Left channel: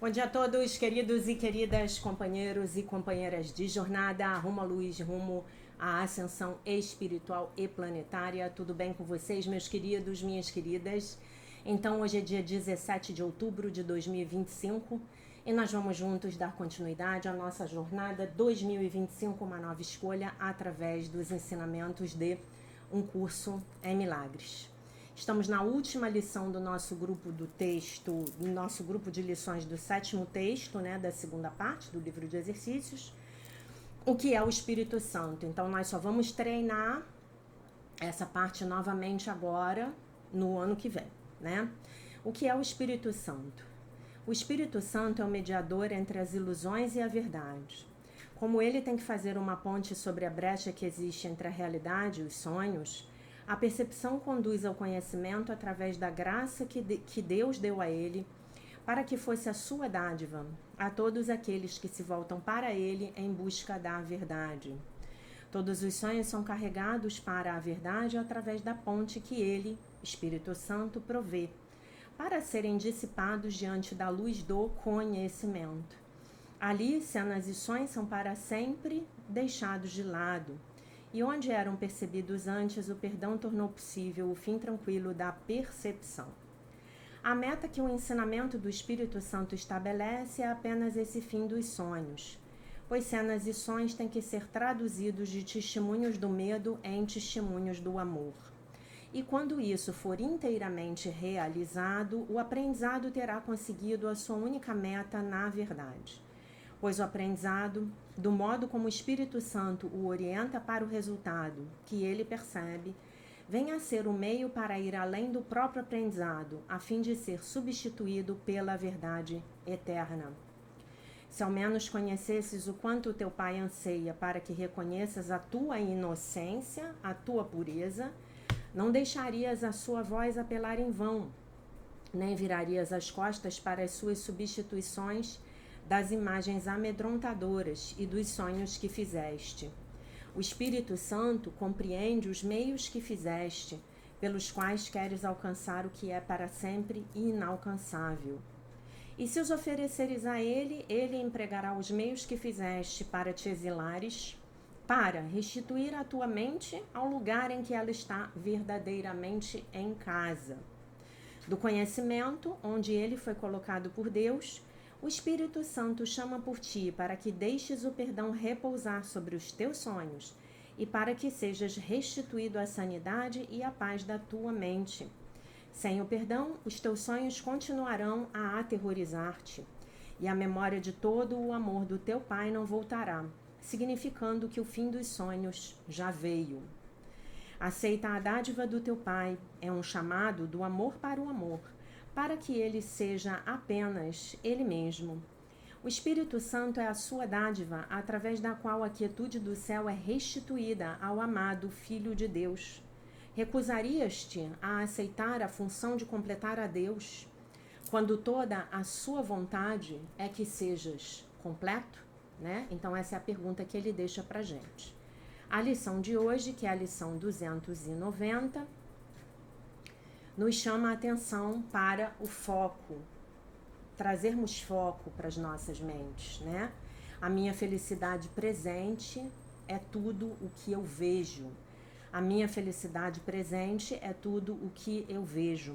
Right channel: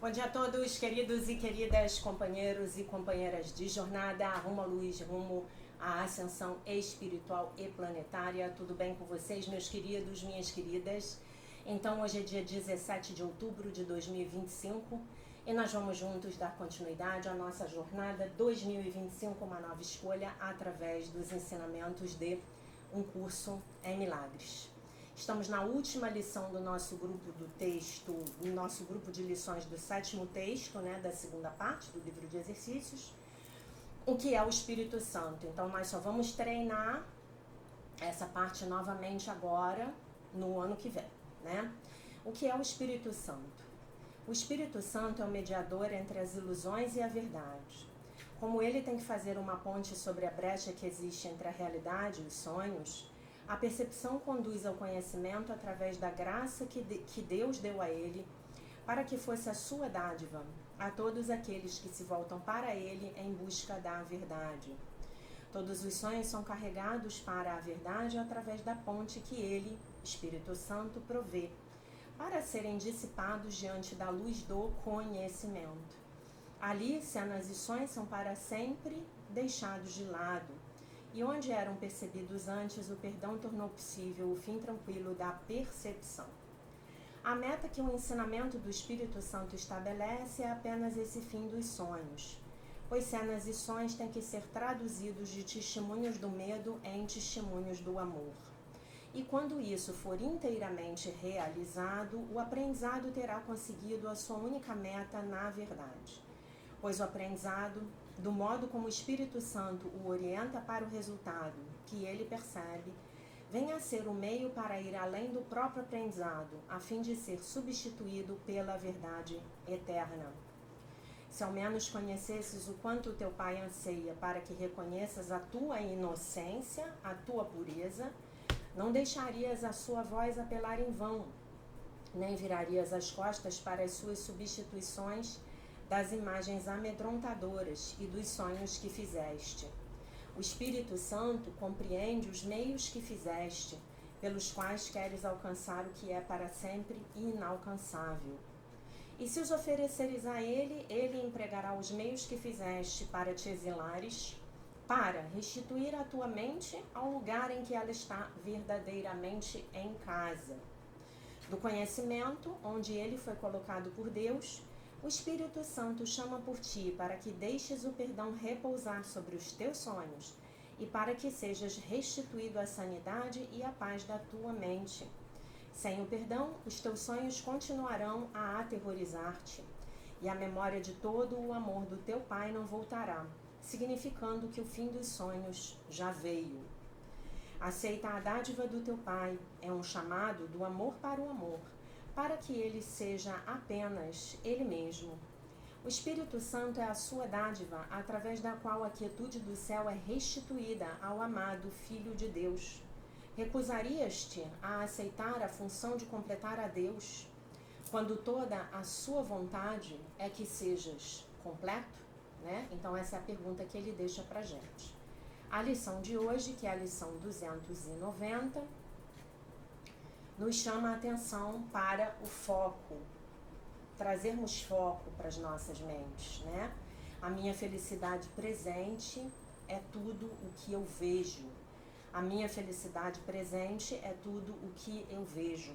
Bom dia a todos, queridos e queridas companheiros e companheiras de jornada rumo à luz, rumo à ascensão espiritual e planetária. Tudo bem com vocês, meus queridos, minhas queridas? Então, hoje é dia 17 de outubro de 2025 e nós vamos juntos dar continuidade à nossa jornada 2025, uma nova escolha, através dos ensinamentos de um curso em milagres. Estamos na última lição do nosso grupo do texto, do nosso grupo de lições do sétimo texto, né, da segunda parte do livro de exercícios, o que é o Espírito Santo. Então, nós só vamos treinar essa parte novamente agora, no ano que vem, né? O que é o Espírito Santo? O Espírito Santo é o mediador entre as ilusões e a verdade. Como ele tem que fazer uma ponte sobre a brecha que existe entre a realidade e os sonhos, a percepção conduz ao conhecimento através da graça que Deus deu a ele, para que fosse a sua dádiva a todos aqueles que se voltam para ele em busca da verdade. Todos os sonhos são carregados para a verdade através da ponte que ele, Espírito Santo, provê, para serem dissipados diante da luz do conhecimento. Ali, cenas e sonhos são para sempre deixados de lado, e onde eram percebidos antes, o perdão tornou possível o fim tranquilo da percepção. A meta que o ensinamento do Espírito Santo estabelece é apenas esse fim dos sonhos, pois cenas e sonhos têm que ser traduzidos de testemunhos do medo em testemunhos do amor. E quando isso for inteiramente realizado, o aprendizado terá conseguido a sua única meta na verdade. Pois o aprendizado, do modo como o Espírito Santo o orienta para o resultado que ele percebe, vem a ser o meio para ir além do próprio aprendizado, a fim de ser substituído pela verdade eterna. Se ao menos conhecesses o quanto o teu Pai anseia para que reconheças a tua inocência, a tua pureza, não deixarias a sua voz apelar em vão, nem virarias as costas para as suas substituições das imagens amedrontadoras e dos sonhos que fizeste. O Espírito Santo compreende os meios que fizeste, pelos quais queres alcançar o que é para sempre inalcançável. E se os ofereceres a ele, ele empregará os meios que fizeste para te exilares, para restituir a tua mente ao lugar em que ela está verdadeiramente em casa. Do conhecimento, onde ele foi colocado por Deus, o Espírito Santo chama por ti para que deixes o perdão repousar sobre os teus sonhos e para que sejas restituído à sanidade e à paz da tua mente. Sem o perdão, os teus sonhos continuarão a aterrorizar-te e a memória de todo o amor do teu Pai não voltará, significando que o fim dos sonhos já veio. Aceita a dádiva do teu Pai, é um chamado do amor para o amor, para que ele seja apenas ele mesmo. O Espírito Santo é a sua dádiva, através da qual a quietude do céu é restituída ao amado Filho de Deus. Recusarias-te a aceitar a função de completar a Deus, quando toda a sua vontade é que sejas completo? Né? Então essa é a pergunta que ele deixa pra gente. A lição de hoje, que é a lição 290, nos chama a atenção para o foco, trazermos foco para as nossas mentes, né? A minha felicidade presente é tudo o que eu vejo. A minha felicidade presente é tudo o que eu vejo.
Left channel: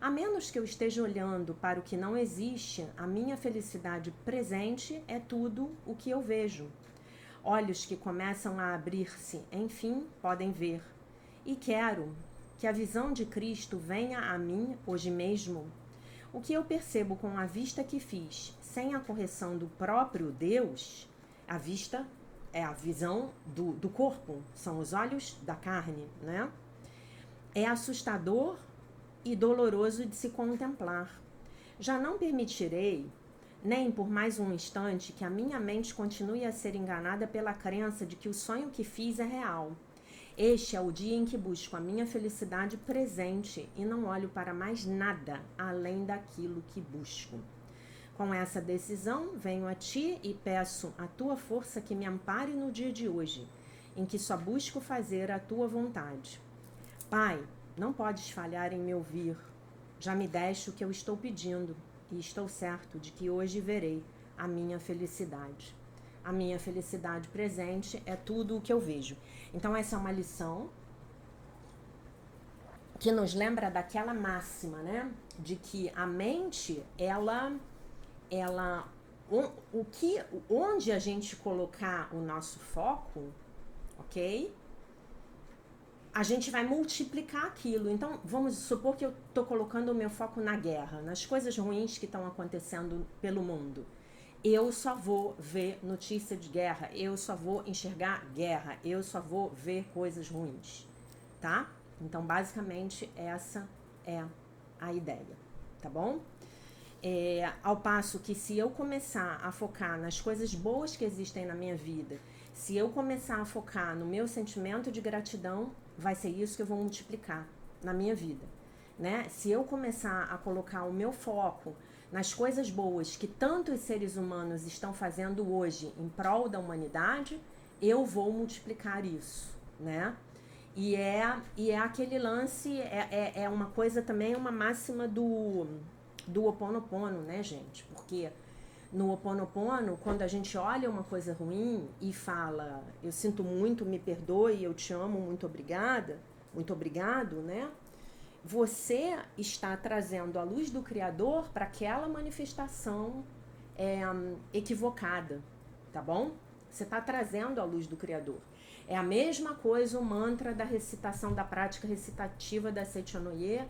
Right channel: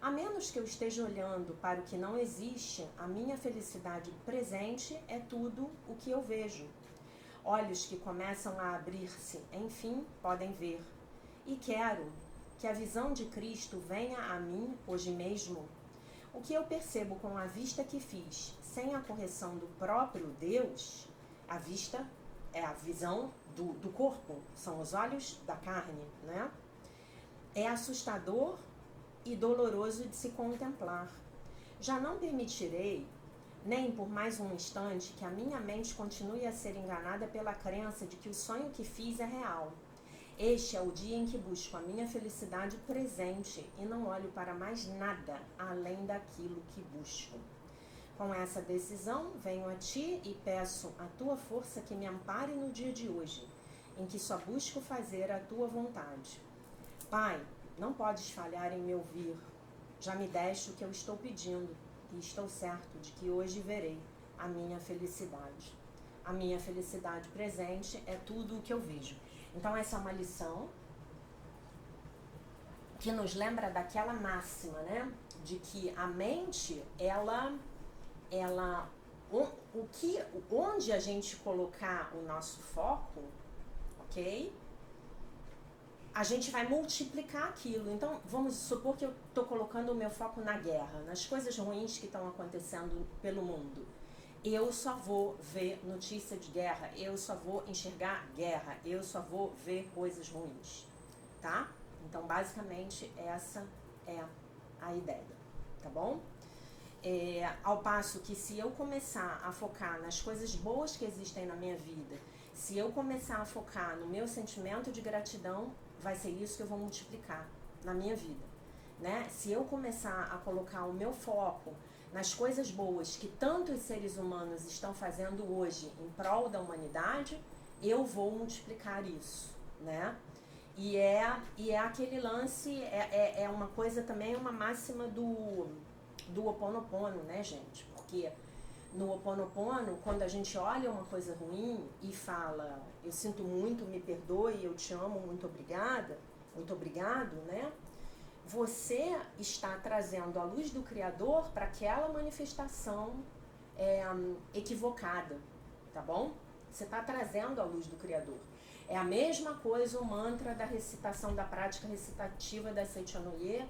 A menos que eu esteja olhando para o que não existe, a minha felicidade presente é tudo o que eu vejo. Olhos que começam a abrir-se, enfim, podem ver. E quero que a visão de Cristo venha a mim hoje mesmo. O que eu percebo com a vista que fiz, sem a correção do próprio Deus, a vista é a visão do corpo, são os olhos da carne, né? É assustador e doloroso de se contemplar. Já não permitirei, nem por mais um instante, que a minha mente continue a ser enganada pela crença de que o sonho que fiz é real. Este é o dia em que busco a minha felicidade presente e não olho para mais nada além daquilo que busco. Com essa decisão, venho a ti e peço a tua força que me ampare no dia de hoje, em que só busco fazer a tua vontade. Pai, não podes falhar em me ouvir. Já me deste o que eu estou pedindo. e estou certo de que hoje verei a minha felicidade. A minha felicidade presente é tudo o que eu vejo. Então essa é uma lição que nos lembra daquela máxima, né? De que a mente, onde a gente colocar o nosso foco, ok? A gente vai multiplicar aquilo. Então, vamos supor que eu estou colocando o meu foco na guerra, nas coisas ruins que estão acontecendo pelo mundo. Eu só vou ver notícia de guerra, eu só vou enxergar guerra, eu só vou ver coisas ruins, tá? Então, basicamente, essa é a ideia, tá bom? Ao passo que se eu começar a focar nas coisas boas que existem na minha vida, se eu começar a focar no meu sentimento de gratidão, vai ser isso que eu vou multiplicar na minha vida, né? Se eu começar a colocar o meu foco nas coisas boas que tantos seres humanos estão fazendo hoje em prol da humanidade, eu vou multiplicar isso, né? E é aquele lance, é uma coisa também, uma máxima do Ho Oponopono, né, gente? Porque no Ho Oponopono, quando a gente olha uma coisa ruim e fala, eu sinto muito, me perdoe, eu te amo, muito obrigada, muito obrigado, né? Você está trazendo a luz do Criador para aquela manifestação equivocada, tá bom? Você está trazendo a luz do Criador. É a mesma coisa o mantra da recitação, da prática recitativa da Sechonoye,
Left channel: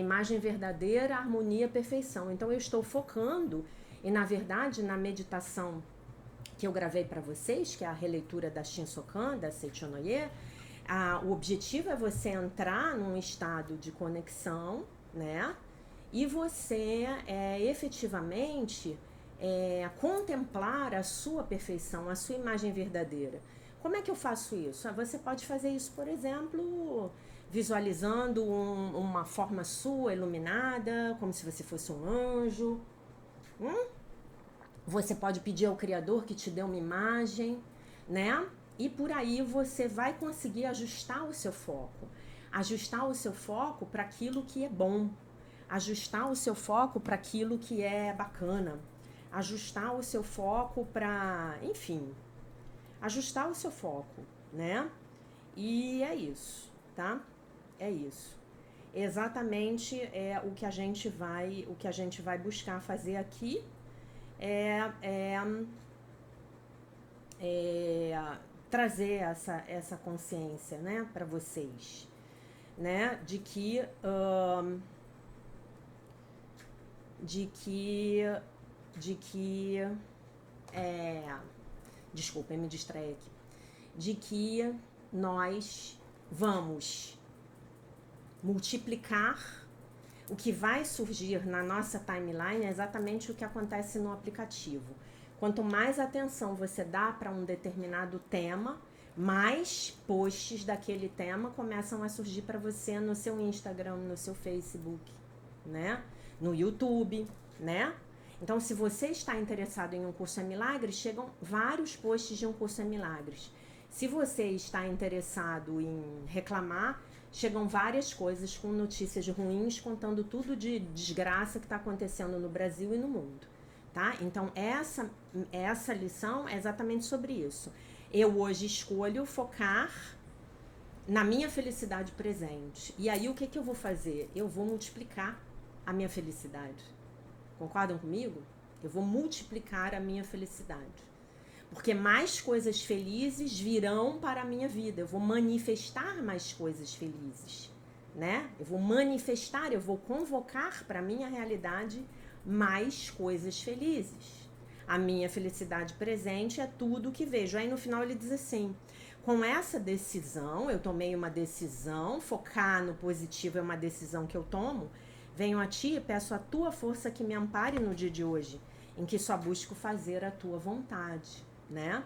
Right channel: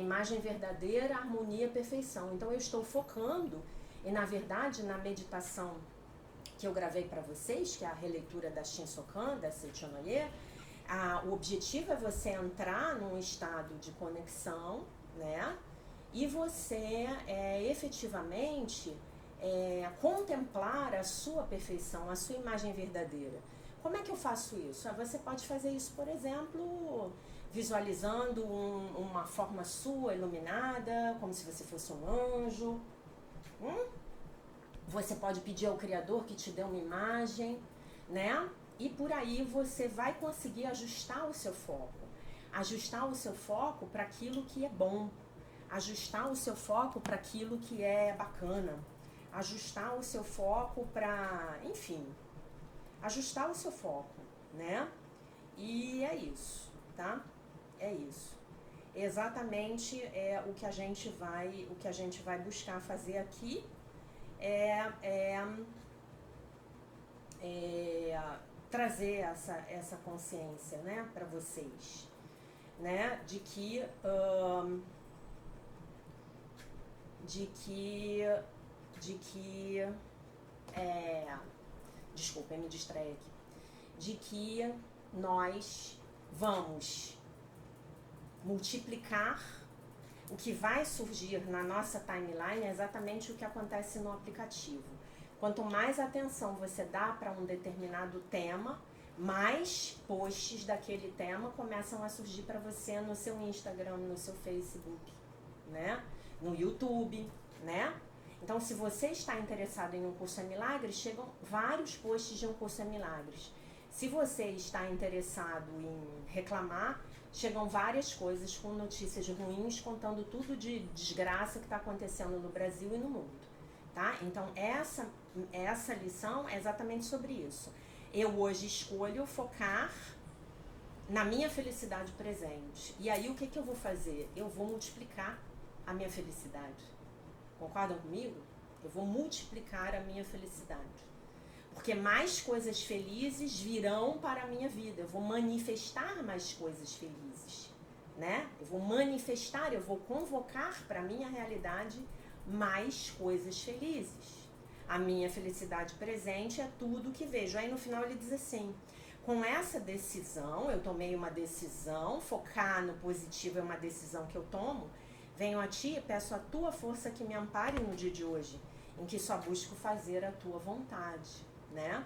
imagem verdadeira, harmonia, perfeição. Então eu estou focando, e na verdade na meditação que eu gravei para vocês, que é a releitura da Shinsokan, da Sechonoye, o objetivo é você entrar num estado de conexão, né? E você efetivamente contemplar a sua perfeição, a sua imagem verdadeira. Como é que eu faço isso? Você pode fazer isso, por exemplo, visualizando uma forma sua iluminada, como se você fosse um anjo. Você pode pedir ao Criador que te dê uma imagem, né? E por aí você vai conseguir ajustar o seu foco. Ajustar o seu foco para aquilo que é bom. Ajustar o seu foco para aquilo que é bacana. Ajustar o seu foco para, enfim, ajustar o seu foco, né? E é isso, tá? É isso. Exatamente o que a gente vai buscar fazer aqui trazer essa consciência, né, para vocês, né, de que desculpa, eu me distraí aqui, de que nós vamos multiplicar o que vai surgir na nossa timeline, é exatamente o que acontece no aplicativo. Quanto mais atenção você dá para um determinado tema, mais posts daquele tema começam a surgir para você no seu Instagram, no seu Facebook, né? No YouTube, né? Então, se você está interessado em um curso em milagres, chegam vários posts de um curso em milagres. Se você está interessado em reclamar, chegam várias coisas com notícias ruins, contando tudo de desgraça que está acontecendo no Brasil e no mundo, tá? Então, essa lição é exatamente sobre isso. Eu hoje escolho focar na minha felicidade presente. E aí, o que eu vou fazer? Eu vou multiplicar a minha felicidade. Concordam comigo? Eu vou multiplicar a minha felicidade. Porque mais coisas felizes virão para a minha vida. Eu vou manifestar mais coisas felizes, né? Eu vou manifestar, eu vou convocar para a minha realidade mais coisas felizes. A minha felicidade presente é tudo que vejo. Aí no final ele diz assim: com essa decisão, eu tomei uma decisão, focar no positivo é uma decisão que eu tomo, venho a ti e peço a tua força que me ampare no dia de hoje, em que só busco fazer a tua vontade, né?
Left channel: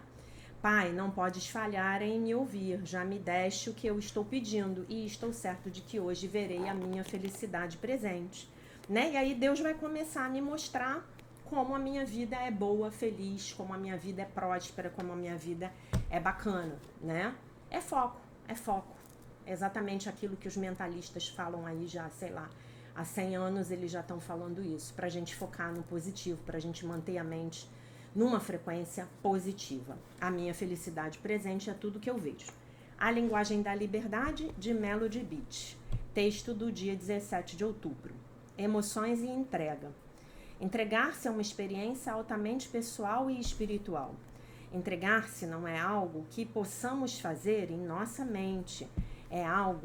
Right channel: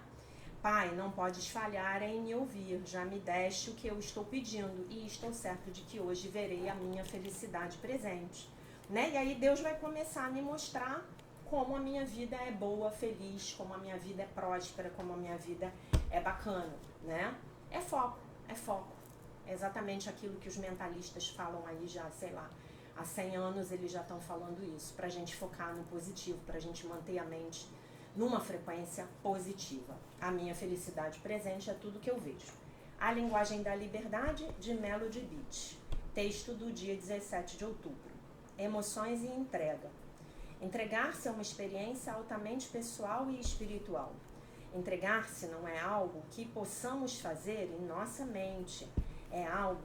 Pai, não podes falhar em me ouvir, já me deste o que eu estou pedindo e estou certo de que hoje verei a minha felicidade presente, né? E aí Deus vai começar a me mostrar como a minha vida é boa, feliz, como a minha vida é próspera, como a minha vida é bacana, né? É foco, é foco. É exatamente aquilo que os mentalistas falam aí já, sei lá, Há 100 anos eles já estão falando isso, para a gente focar no positivo, para a gente manter a mente numa frequência positiva. A minha felicidade presente é tudo que eu vejo. A Linguagem da Liberdade, de Melody Beach. Texto do dia 17 de outubro. Emoções e entrega. Entregar-se é uma experiência altamente pessoal e espiritual. Entregar-se não é algo que possamos fazer em nossa mente.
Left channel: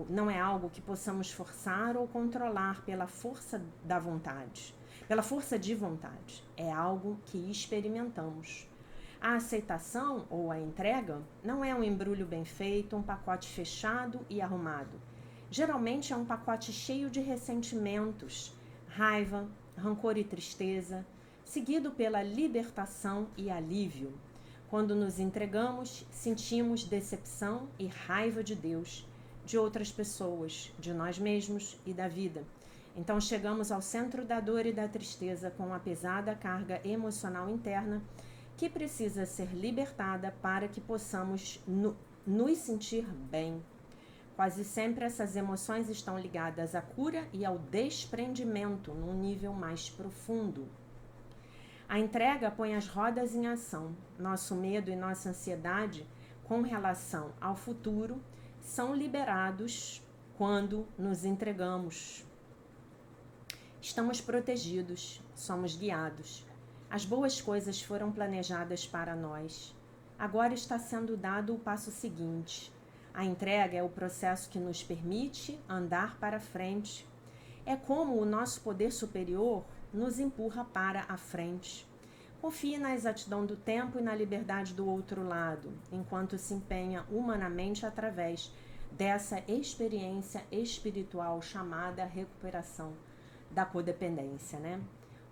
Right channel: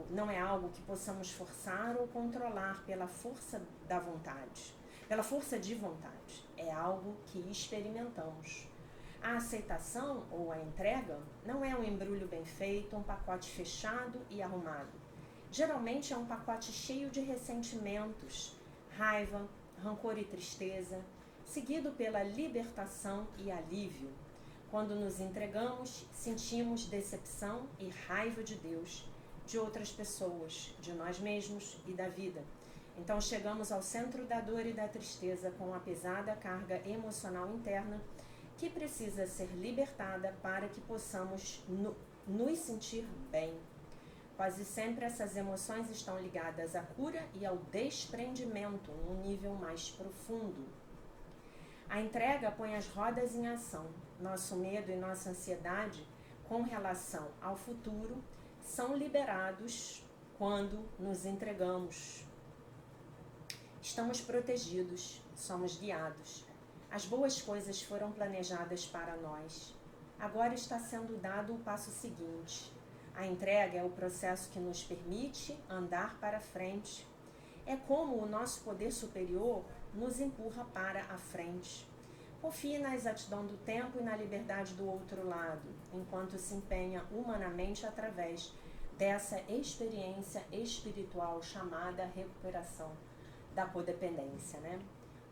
Não é algo que possamos forçar ou controlar pela força da vontade, pela força de vontade. É algo que experimentamos. A aceitação ou a entrega não é um embrulho bem feito, um pacote fechado e arrumado. Geralmente é um pacote cheio de ressentimentos, raiva, rancor e tristeza, seguido pela libertação e alívio. Quando nos entregamos, sentimos decepção e raiva de Deus, de outras pessoas, de nós mesmos e da vida. Então chegamos ao centro da dor e da tristeza com a pesada carga emocional interna que precisa ser libertada para que possamos nos sentir bem. Quase sempre essas emoções estão ligadas à cura e ao desprendimento num nível mais profundo. A entrega põe as rodas em ação. Nosso medo e nossa ansiedade com relação ao futuro são liberados quando nos entregamos. Estamos protegidos, somos guiados. As boas coisas foram planejadas para nós. Agora está sendo dado o passo seguinte. A entrega é o processo que nos permite andar para frente. É como o nosso poder superior nos empurra para a frente. Confie na exatidão do tempo e na liberdade do outro lado, enquanto se empenha humanamente através dessa experiência espiritual chamada recuperação da codependência, né?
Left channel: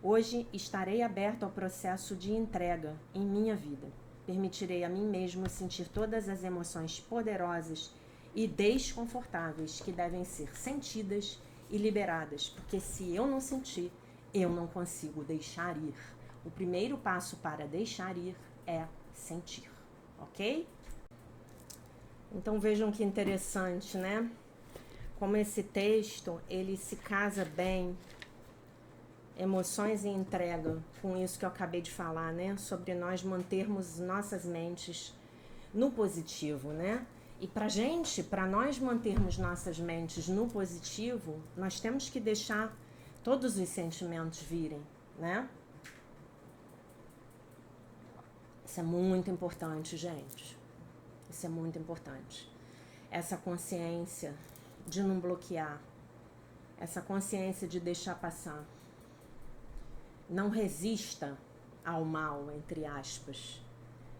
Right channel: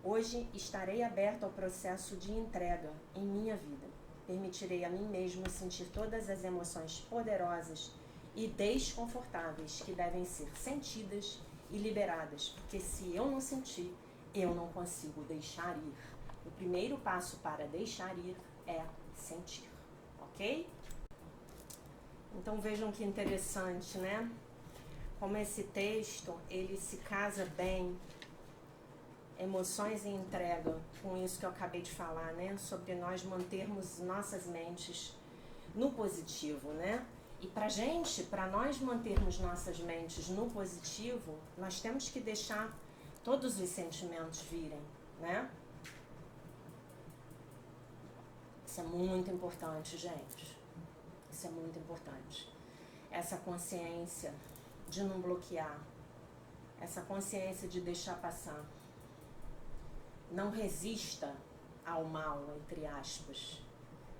Hoje estarei aberto ao processo de entrega em minha vida. Permitirei a mim mesmo sentir todas as emoções poderosas e desconfortáveis que devem ser sentidas e liberadas, porque se eu não sentir, eu não consigo deixar ir. O primeiro passo para deixar ir é sentir, ok? Então vejam que interessante, né? Como esse texto, ele se casa bem, emoções e entrega, com isso que eu acabei de falar, né? Sobre nós mantermos nossas mentes no positivo, né? E para nós mantermos nossas mentes no positivo, nós temos que deixar todos os sentimentos virem, né? Isso é muito importante, gente. Isso é muito importante. Essa consciência de não bloquear, essa consciência de deixar passar. Não resista ao mal, entre aspas.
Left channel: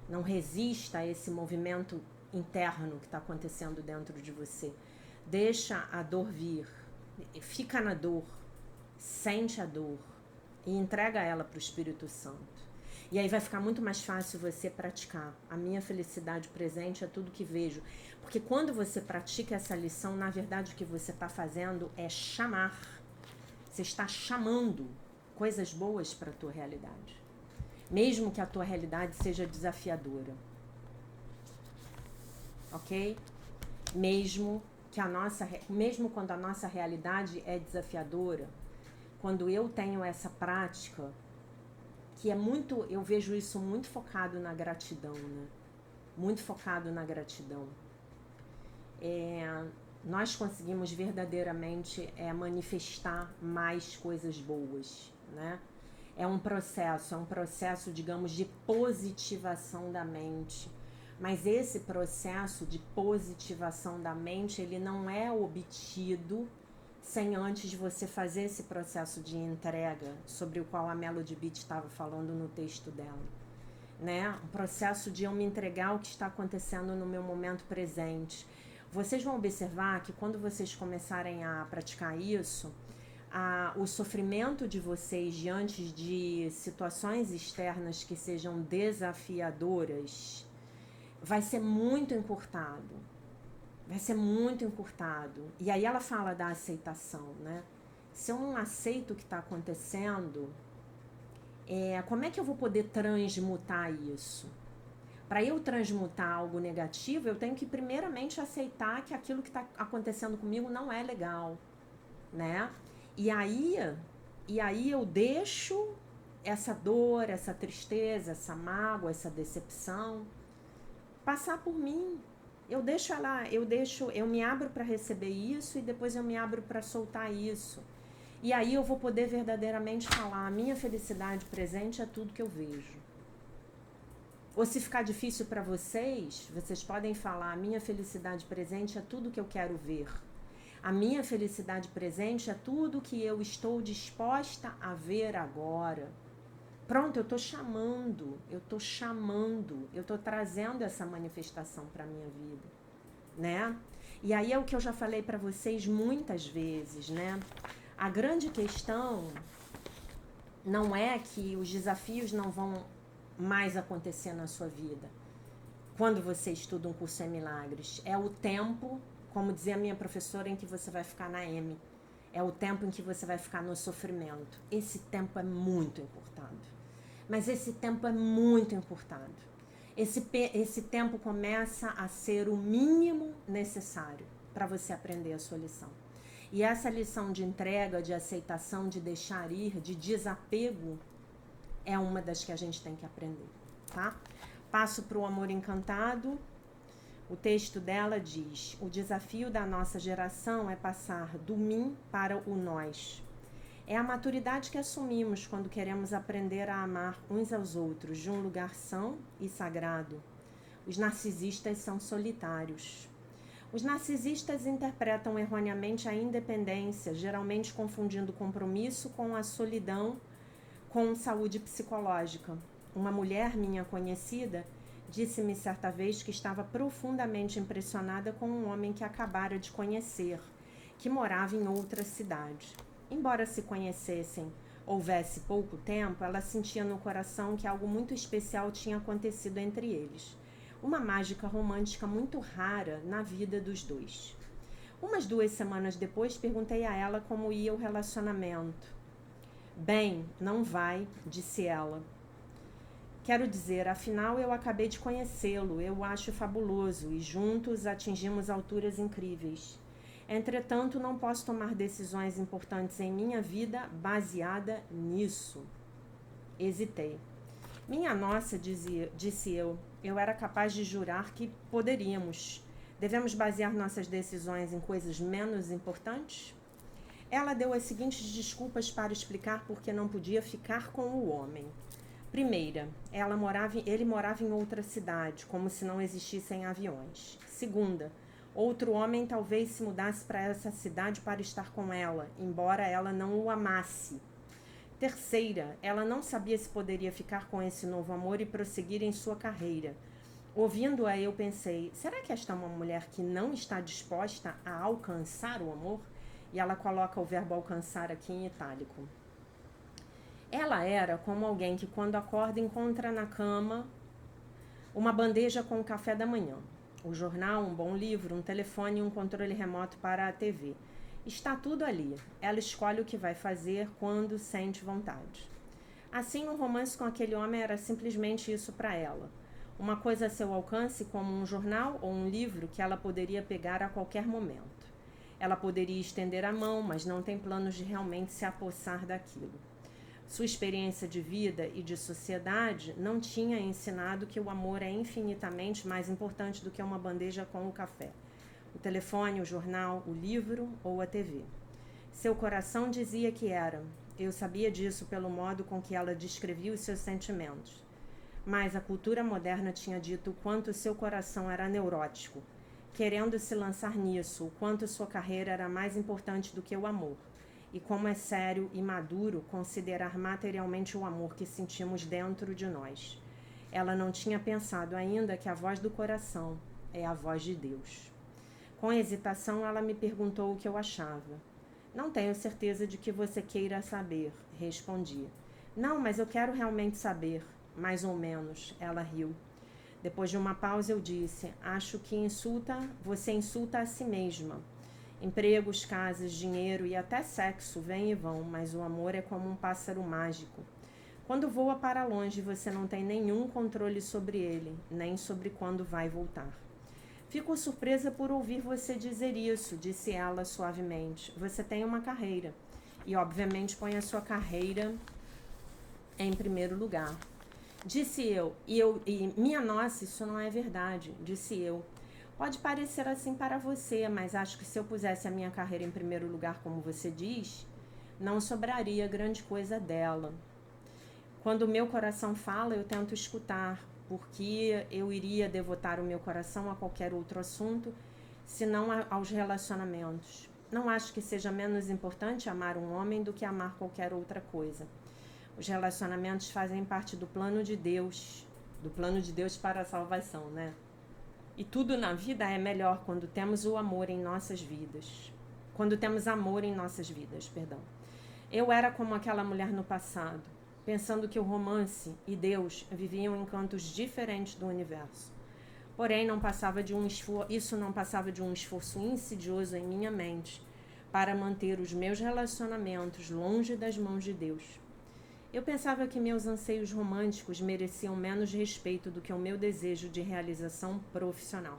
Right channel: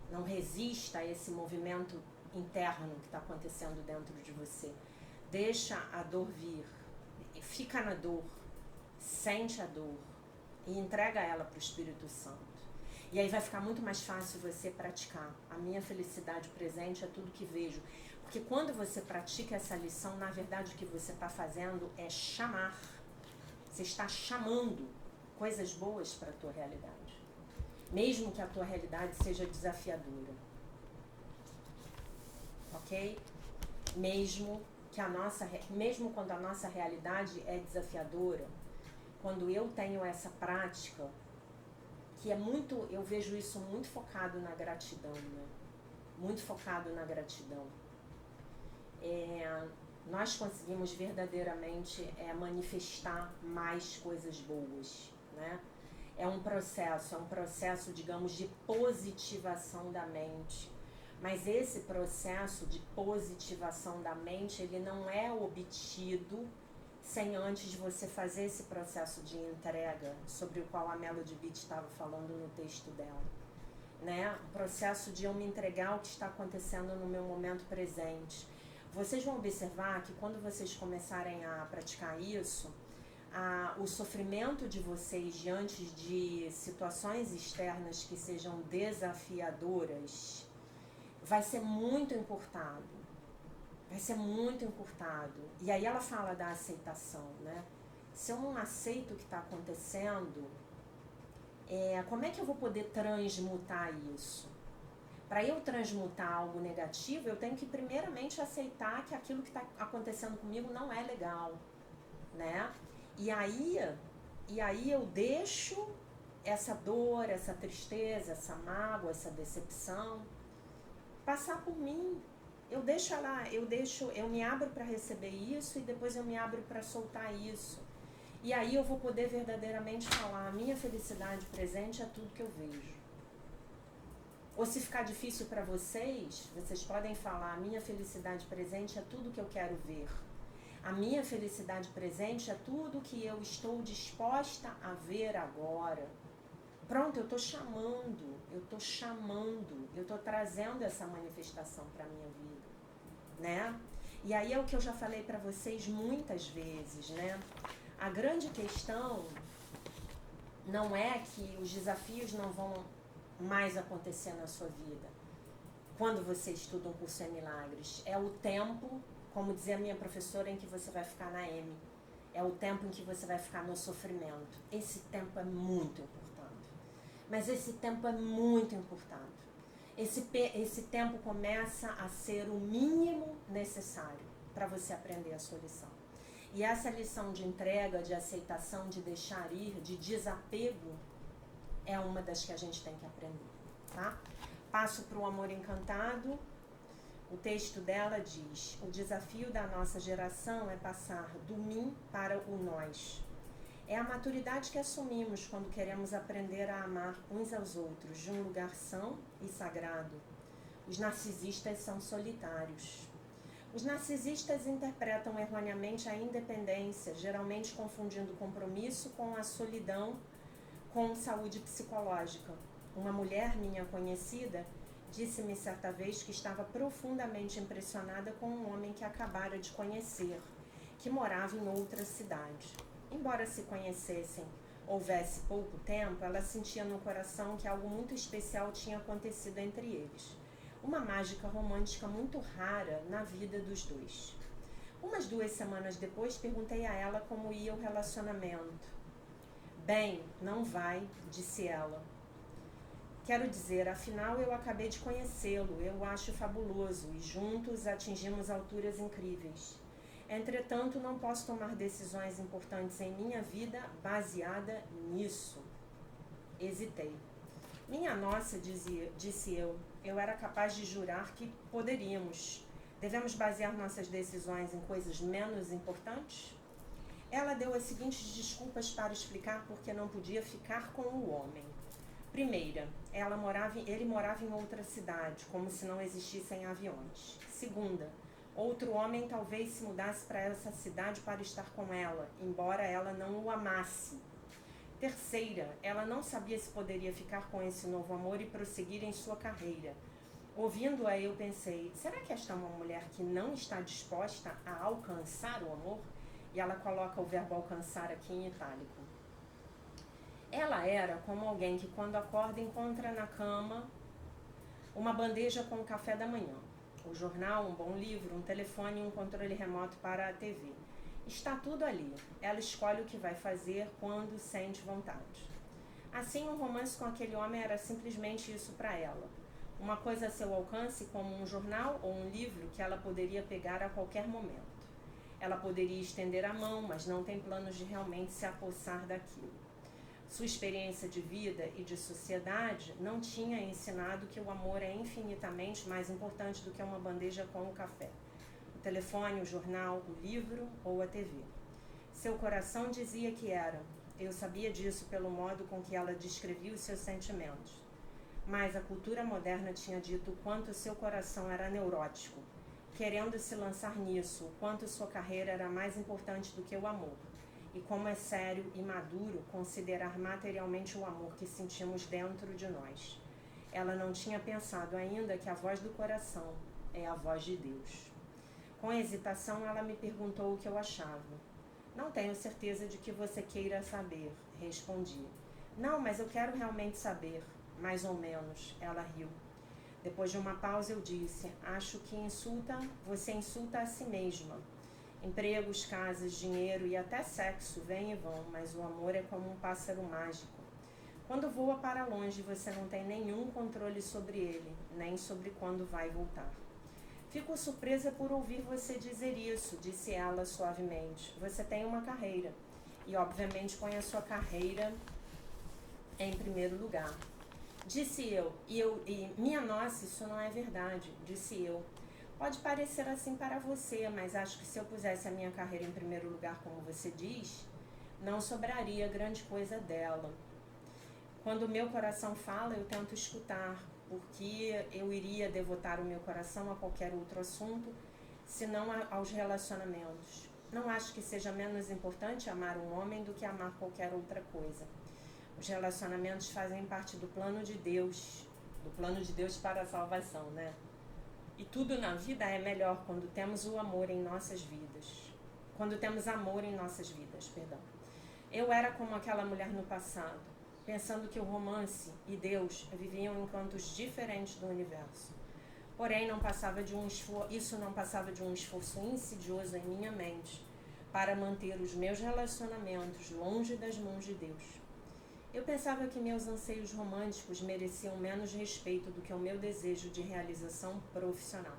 Não resista a esse movimento interno que está acontecendo dentro de você. Deixa a dor vir. Fica na dor. Sente a dor. E entrega ela para o Espírito Santo. E aí vai ficar muito mais fácil você praticar. A minha felicidade presente é tudo que vejo. Porque quando você pratica essa lição, na verdade o que você está fazendo é chamar. Você está chamando coisas boas para a tua realidade. Mesmo que a tua realidade seja desafiadora. Ok? Mesmo quando a nossa realidade é desafiadora, quando eu tenho essa prática, que é muito, eu vejo isso muito focado na gratidão, né? Muito focado na gratidão. Nós conseguimos verdadeiramente manifestar mais coisas boas, né? É um processo, digamos, de positivação da mente. Mas esse processo de positivação da mente, ele não é obtido sem antes de você fazer esse processo de entrega, sobre o qual a Melody Beach estava falando no texto dela, né? O processo de eu me entregar ao que está acontecendo no meu momento presente. Vocês vão observar que quando vocês começarem a praticar isso, o sofrimento de vocês diante de situações externas que sejam desafiadoras vai ser muito encurtado. Vai ser muito encurtado. E aí ela fala da aceitação, né? Se eu não aceito o que está acontecendo, como é que eu vou poder transmutar isso? Para eu transmutar algo negativo, eu tenho que primeiramente aceitar que aquilo que está acontecendo comigo não é legal, né? E aí eu deixo essa dor, essa tristeza, essa mágoa, essa decepção passar por mim. Eu me abro para receber isso e depois eu me abro para soltar isso. E aí eu vou poder verdadeiramente falar, a minha felicidade presente é tudo que eu vejo. Ou se ficar difícil para vocês, vocês podem falar, a minha felicidade presente é tudo que eu quero ver. A minha felicidade presente é tudo que eu estou disposta a ver agora. Pronto, eu estou trazendo essa manifestação para a minha vida, né? E aí é o que eu já falei para vocês muitas vezes, né? A grande questão não é que os desafios não vão mais acontecer na sua vida quando você estuda um curso em milagres. É o tempo, como dizia a minha professora, em que você vai ficar na M. É o tempo em que você vai ficar no sofrimento. Esse tempo é muito importante. Mas esse tempo é muito importante. Esse tempo começa a ser o mínimo necessário para você aprender a sua lição. E essa lição de entrega, de aceitação, de deixar ir, de desapego, é uma das que a gente tem que aprender, tá? Passo para o Amor Encantado. O texto dela diz: o desafio da nossa geração é passar do mim para o nós. É a maturidade que assumimos quando queremos aprender a amar uns aos outros de um lugar são e sagrado. Os narcisistas são solitários. Os narcisistas interpretam erroneamente a independência, geralmente confundindo compromisso com a solidão, com saúde psicológica. Uma mulher minha conhecida disse-me certa vez que estava profundamente impressionada com um homem que acabara de conhecer, que morava em outra cidade. Embora se conhecessem, houvesse pouco tempo, ela sentia no coração que algo muito especial tinha acontecido entre eles. Uma mágica romântica muito rara na vida dos dois. Umas 2 semanas depois, perguntei a ela como ia o relacionamento. Bem, não vai, disse ela. Quero dizer, afinal eu acabei de conhecê-lo, eu o acho fabuloso e juntos atingimos alturas incríveis. Entretanto, não posso tomar decisões importantes em minha vida baseada nisso. Hesitei. Minha nossa, disse eu era capaz de jurar que poderíamos. Devemos basear nossas decisões em coisas menos importantes? Ela deu as seguintes desculpas para explicar por que não podia ficar com o homem. Primeira, ele morava em outra cidade, como se não existissem aviões. Segunda, outro homem talvez se mudasse para essa cidade para estar com ela, embora ela não o amasse. Terceira, ela não sabia se poderia ficar com esse novo amor e prosseguir em sua carreira. Ouvindo-a, eu pensei, será que esta é uma mulher que não está disposta a alcançar o amor? E ela coloca o verbo alcançar aqui em itálico. Ela era como alguém que quando acorda encontra na cama uma bandeja com o café da manhã, o jornal, um bom livro, um telefone e um controle remoto para a TV. Está tudo ali. Ela escolhe o que vai fazer quando sente vontade. Assim, um romance com aquele homem era simplesmente isso para ela. Uma coisa a seu alcance, como um jornal ou um livro que ela poderia pegar a qualquer momento. Ela poderia estender a mão, mas não tem planos de realmente se apossar daquilo. Sua experiência de vida e de sociedade não tinha ensinado que o amor é infinitamente mais importante do que uma bandeja com o café, o telefone, o jornal, o livro ou a TV. Seu coração dizia que era. Eu sabia disso pelo modo com que ela descrevia os seus sentimentos. Mas a cultura moderna tinha dito o quanto seu coração era neurótico, querendo se lançar nisso, o quanto sua carreira era mais importante do que o amor. E como é sério e maduro considerar materialmente o amor que sentimos dentro de nós. Ela não tinha pensado ainda que a voz do coração é a voz de Deus. Com hesitação, ela me perguntou o que eu achava. Não tenho certeza de que você queira saber, respondi. Não, mas eu quero realmente saber, mais ou menos, ela riu. Depois de uma pausa eu disse, acho que você insulta a si mesma. Empregos, casas, dinheiro e até sexo vêm e vão, mas o amor é como um pássaro mágico. Quando voa para longe, você não tem nenhum controle sobre ele, nem sobre quando vai voltar. Fico surpresa por ouvir você dizer isso, disse ela suavemente. Você tem uma carreira. E, obviamente, põe a sua carreira em primeiro lugar. Disse eu, e minha nossa, isso não é verdade, disse eu. Pode parecer assim para você, mas acho que se eu pusesse a minha carreira em primeiro lugar, como você diz, não sobraria grande coisa dela. Quando o meu coração fala, eu tento escutar, porque eu iria devotar o meu coração a qualquer outro assunto, senão aos relacionamentos. Não acho que seja menos importante amar um homem do que amar qualquer outra coisa. Os relacionamentos fazem parte do plano de Deus para a salvação, né? E tudo na vida é melhor quando temos o amor em nossas vidas. Quando temos amor em nossas vidas, perdão. Eu era como aquela mulher no passado, pensando que o romance e Deus viviam em cantos diferentes do universo. Porém, isso não passava de um esforço insidioso em minha mente para manter os meus relacionamentos longe das mãos de Deus. Eu pensava que meus anseios românticos mereciam menos respeito do que o meu desejo de realização profissional.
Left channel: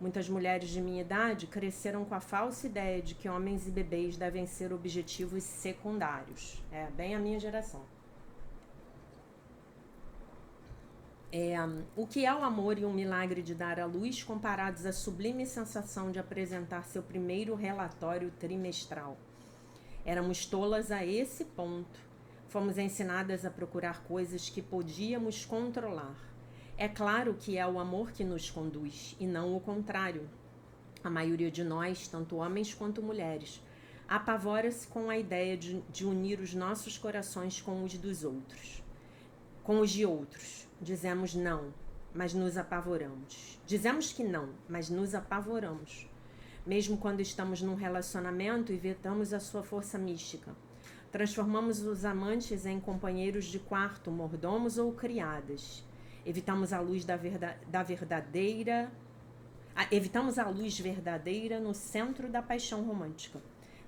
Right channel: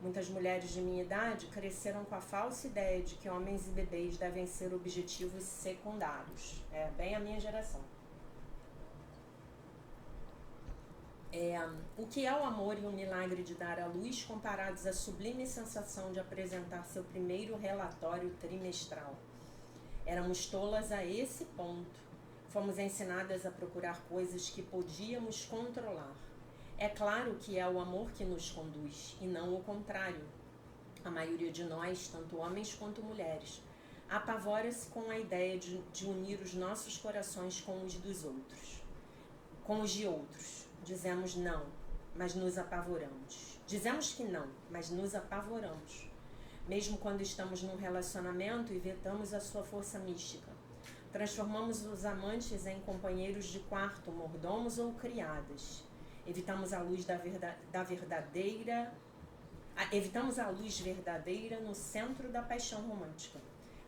Muitas mulheres de minha idade cresceram com a falsa ideia de que homens e bebês devem ser objetivos secundários. É bem a minha geração. O que é o amor e o milagre de dar à luz comparados à sublime sensação de apresentar seu primeiro relatório trimestral? Éramos tolas a esse ponto. Fomos ensinadas a procurar coisas que podíamos controlar. É claro que é o amor que nos conduz, e não o contrário. A maioria de nós, tanto homens quanto mulheres, apavora-se com a ideia de unir os nossos corações com os dos outros. Com os de outros. Dizemos não, mas nos apavoramos. Dizemos que não, mas nos apavoramos. Mesmo quando estamos num relacionamento e vetamos a sua força mística. Transformamos os amantes em companheiros de quarto, mordomos ou criadas. Evitamos a luz evitamos a luz verdadeira no centro da paixão romântica.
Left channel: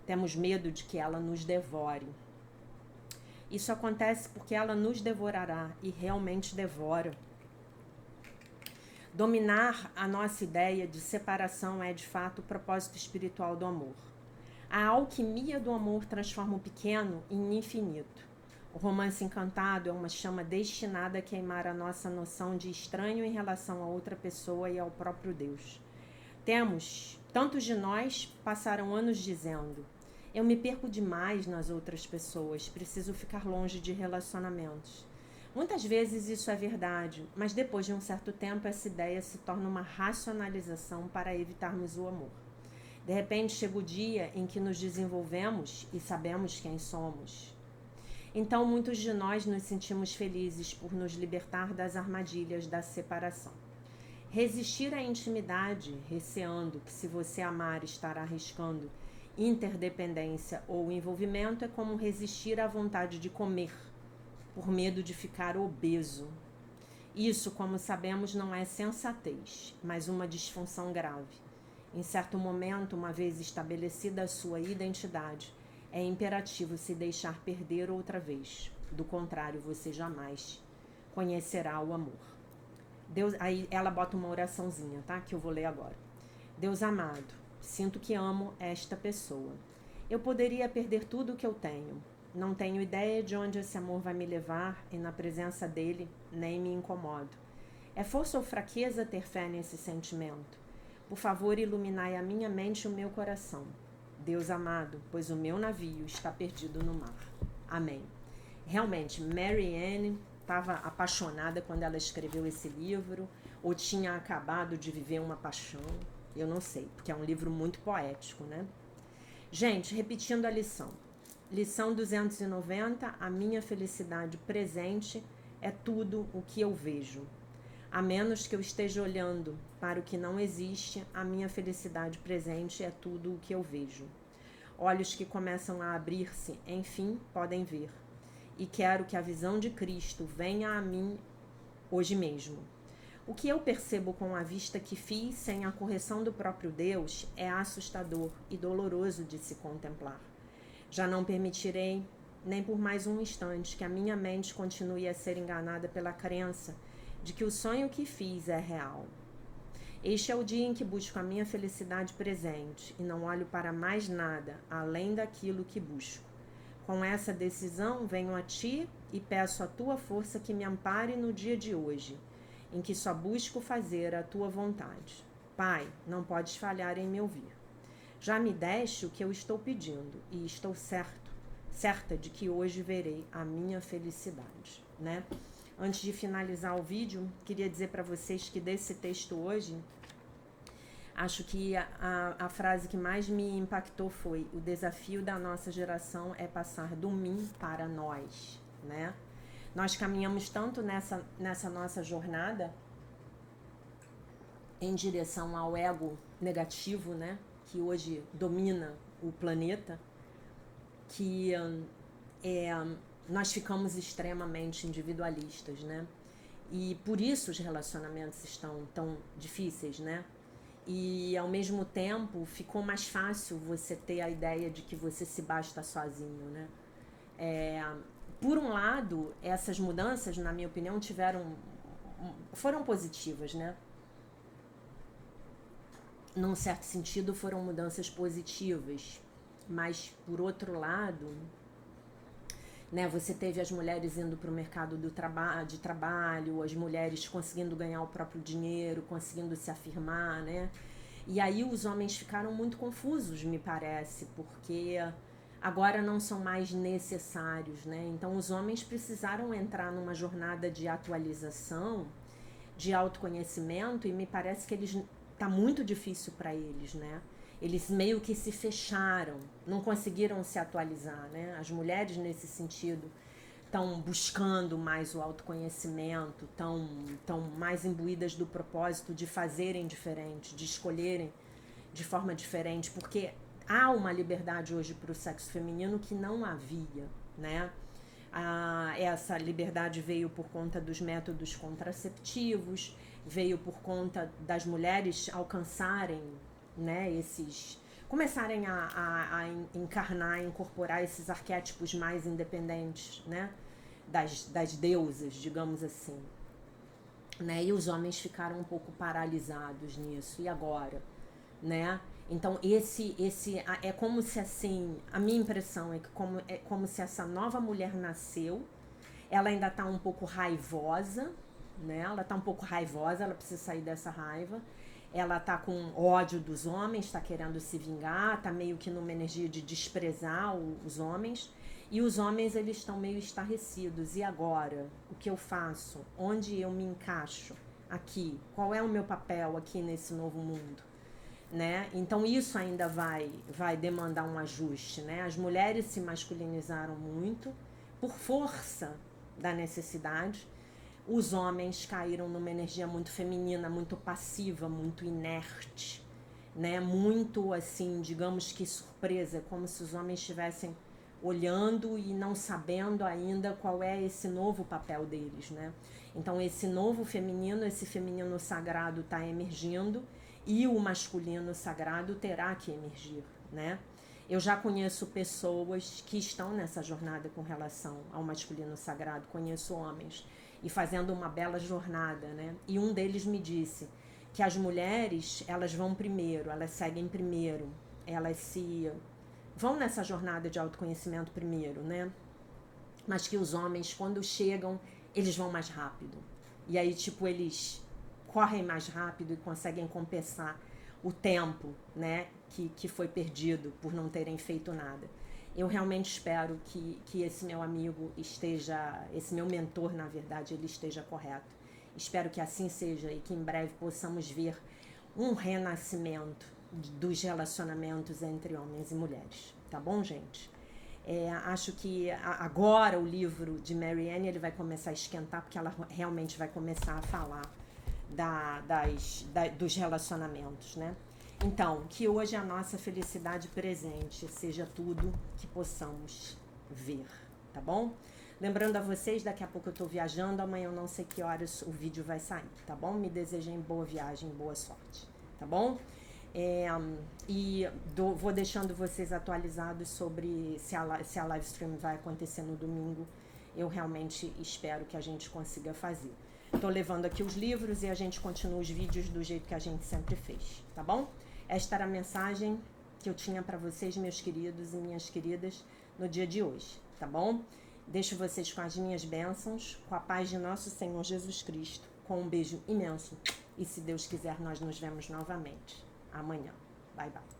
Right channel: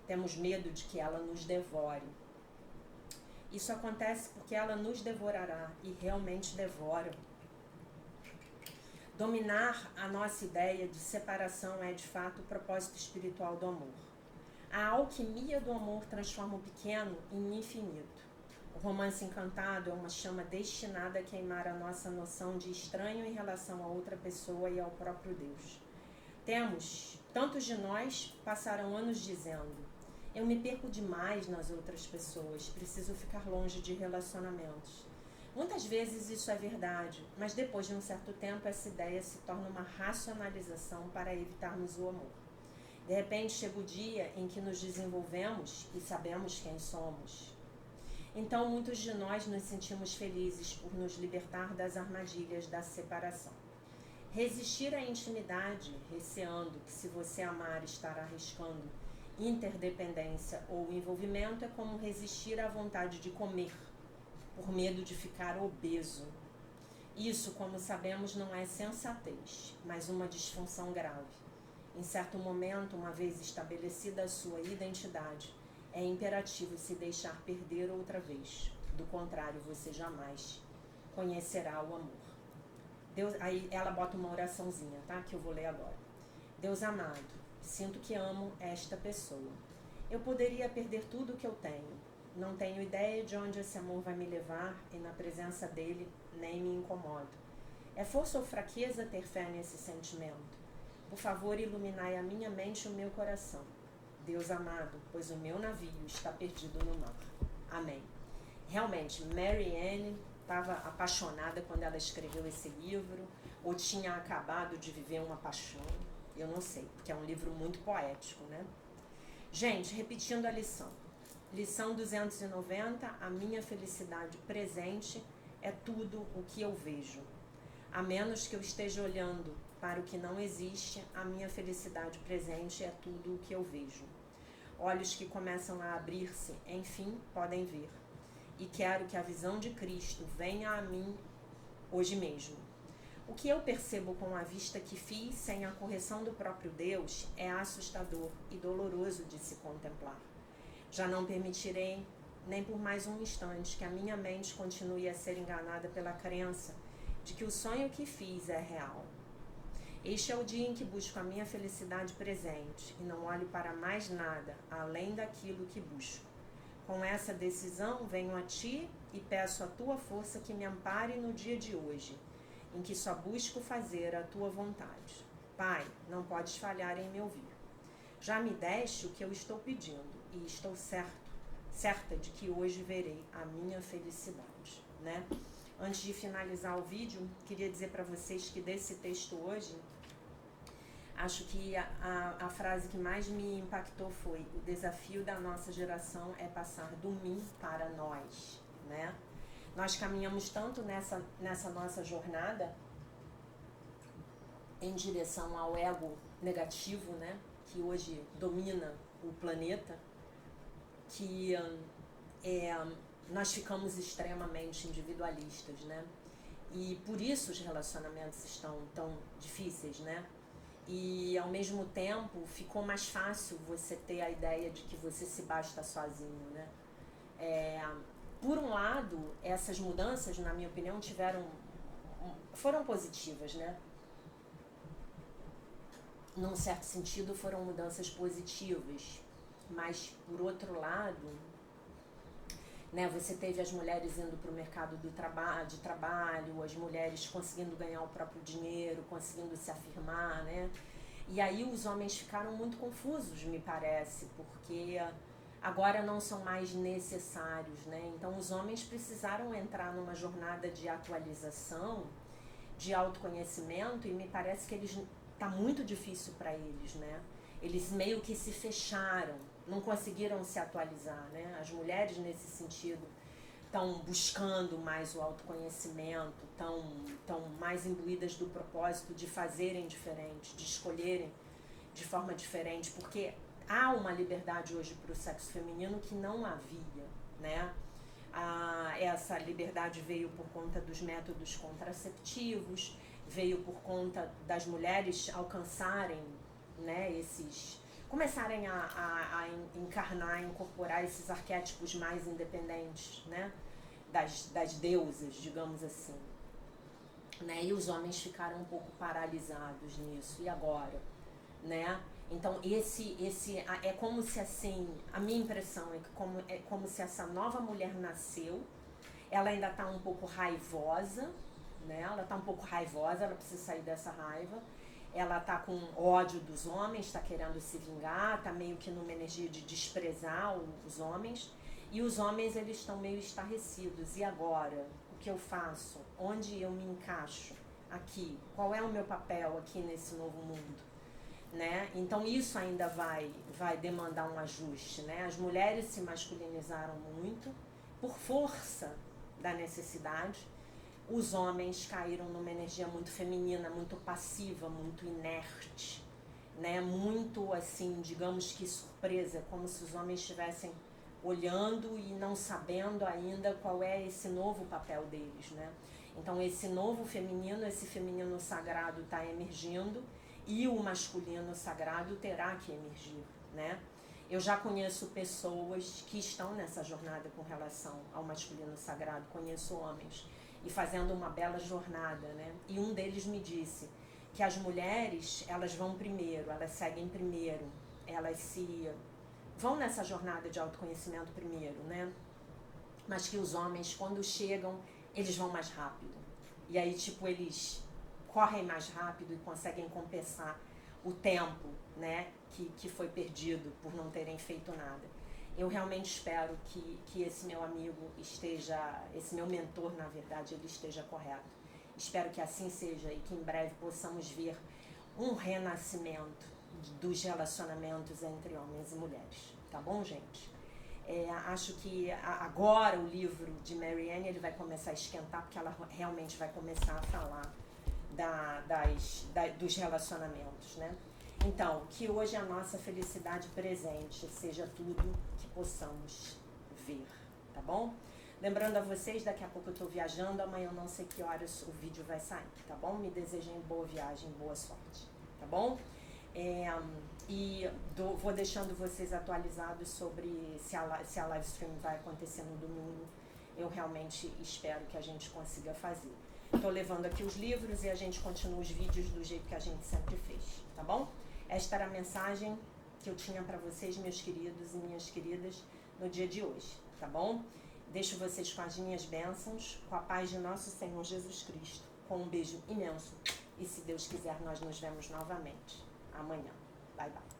Temos medo de que ela nos devore. Isso acontece porque ela nos devorará e realmente devora. Dominar a nossa ideia de separação é de fato o propósito espiritual do amor. A alquimia do amor transforma o pequeno em infinito. O romance encantado é uma chama destinada a queimar a nossa noção de estranho em relação a outra pessoa e ao próprio Deus. Tantos de nós passaram anos dizendo: eu me perco demais nas outras pessoas, preciso ficar longe de relacionamentos. Muitas vezes isso é verdade, mas depois de um certo tempo essa ideia se torna uma racionalização para evitarmos o amor. De repente chega o dia em que nos desenvolvemos e sabemos quem somos. Então muitos de nós nos sentimos felizes por nos libertar das armadilhas da separação. Resistir à intimidade, receando que se você amar estará arriscando interdependência ou envolvimento, é como resistir à vontade de comer, por medo de ficar obeso. Isso, como sabemos, não é sensatez, mas uma disfunção grave. Em certo momento, uma vez estabelecida a sua identidade, é imperativo se deixar perder outra vez. Do contrário, você jamais conhecerá o amor. Deus, aí ela bota uma oraçãozinha, tá? Que eu vou ler agora. Deus amado, sinto que amo esta pessoa. Eu poderia perder tudo o que eu tenho. Não tenho ideia de onde esse amor vai me levar e na presença dele nem me incomodo. É força ou fraqueza ter fé nesse sentimento? Por favor, iluminai a minha mente e o meu coração. Deus amado, pois o meu navio está perdido no mar. Amém. Realmente, Mary Ann estava apaixonada quando ela escreveu esse livro, ou tinha acabado de viver uma paixão. Eu não sei, porque é um livro muito poético, né? Gente, repetindo a lição. Lição 290, a minha felicidade presente é tudo o que eu vejo. A menos que eu esteja olhando para o que não existe, a minha felicidade presente é tudo o que eu vejo. Olhos que começam a abrir-se, enfim, podem ver. E quero que a visão de Cristo venha a mim hoje mesmo. O que eu percebo com a vista que fiz sem a correção do próprio Deus é assustador e doloroso de se contemplar. Já não permitirei, nem por mais um instante, que a minha mente continue a ser enganada pela crença de que o sonho que fiz é real. Este é o dia em que busco a minha felicidade presente e não olho para mais nada além daquilo que busco. Com essa decisão, venho a ti e peço a tua força que me ampare no dia de hoje, em que só busco fazer a tua vontade. Pai, não podes falhar em me ouvir. Já me deste o que eu estou pedindo e estou certa de que hoje verei a minha felicidade, né? Antes de finalizar o vídeo, queria dizer para vocês que desse texto hoje, acho que a frase que mais me impactou foi: o desafio da nossa geração é passar do mim para nós, né? Nós caminhamos tanto nessa nossa jornada em direção ao ego negativo, né? Que hoje domina o planeta, que nós ficamos extremamente individualistas, né? E por isso os relacionamentos estão tão difíceis, né? E ao mesmo tempo ficou mais fácil você ter a ideia de que você se basta sozinho, né? Por um lado, essas mudanças, na minha opinião, foram positivas, né? Num certo sentido, foram mudanças positivas, mas por outro lado, né, você teve as mulheres indo para o mercado de trabalho, as mulheres conseguindo ganhar o próprio dinheiro, conseguindo se afirmar, né? E aí os homens ficaram muito confusos, me parece, porque agora não são mais necessários, né? Então os homens precisaram entrar numa jornada de atualização, de autoconhecimento, e me parece que tá muito difícil para eles, né? Eles meio que se fecharam, não conseguiram se atualizar, né? As mulheres, nesse sentido, estão buscando mais o autoconhecimento, estão mais imbuídas do propósito de fazerem diferente, de escolherem de forma diferente, porque há uma liberdade hoje para o sexo feminino que não havia, né? Essa liberdade veio por conta dos métodos contraceptivos, veio por conta das mulheres alcançarem, né, começarem a encarnar, incorporar esses arquétipos mais independentes, né, das deusas, digamos assim, né, e os homens ficaram um pouco paralisados nisso. E agora, né? Então é como se, assim, a minha impressão é como se essa nova mulher nasceu, ela ainda está um pouco raivosa, né? Ela está um pouco raivosa, ela precisa sair dessa raiva. Ela tá com ódio dos homens, tá querendo se vingar, tá meio que numa energia de desprezar os homens. E os homens, eles estão meio estarrecidos. E agora? O que eu faço? Onde eu me encaixo aqui? Qual é o meu papel aqui nesse novo mundo? Né? Então isso ainda vai demandar um ajuste, né? As mulheres se masculinizaram muito por força da necessidade. Os homens caíram numa energia muito feminina, muito passiva, muito inerte, né? Muito, assim, digamos que surpresa, como se os homens estivessem olhando e não sabendo ainda qual é esse novo papel deles, né? Então esse novo feminino, esse feminino sagrado está emergindo e o masculino sagrado terá que emergir, né? Eu já conheço pessoas que estão nessa jornada com relação ao masculino sagrado, conheço homens e fazendo uma bela jornada, né? E um deles me disse que as mulheres, elas vão primeiro, elas seguem primeiro, elas vão nessa jornada de autoconhecimento primeiro, né? Mas que os homens, quando chegam, eles vão mais rápido. E aí, tipo, eles correm mais rápido e conseguem compensar o tempo, né, que foi perdido por não terem feito nada. Eu realmente espero que esse meu amigo esse meu mentor, na verdade, ele esteja correto. Espero que assim seja e que em breve possamos ver um renascimento dos relacionamentos entre homens e mulheres. Tá bom, gente? Acho que agora o livro de Marianne ele vai começar a esquentar, porque ela realmente vai começar a falar dos relacionamentos, né? Então, que hoje a nossa felicidade presente seja tudo que possamos ver, tá bom? Lembrando a vocês, daqui a pouco eu tô viajando, amanhã eu não sei que horas o vídeo vai sair, tá bom? Me desejem boa viagem, boa sorte, tá bom? Vou deixando vocês atualizados sobre se a live stream vai acontecer no domingo. Eu realmente espero que a gente consiga fazer. Estou levando aqui os livros e a gente continua os vídeos do jeito que a gente sempre fez, tá bom? Esta era a mensagem que eu tinha para vocês, meus queridos e minhas queridas. no dia de hoje, tá bom? Deixo vocês com as minhas bênçãos, com a paz de nosso Senhor Jesus Cristo, com um beijo imenso. E se Deus quiser, nós nos vemos novamente amanhã. Bye, bye.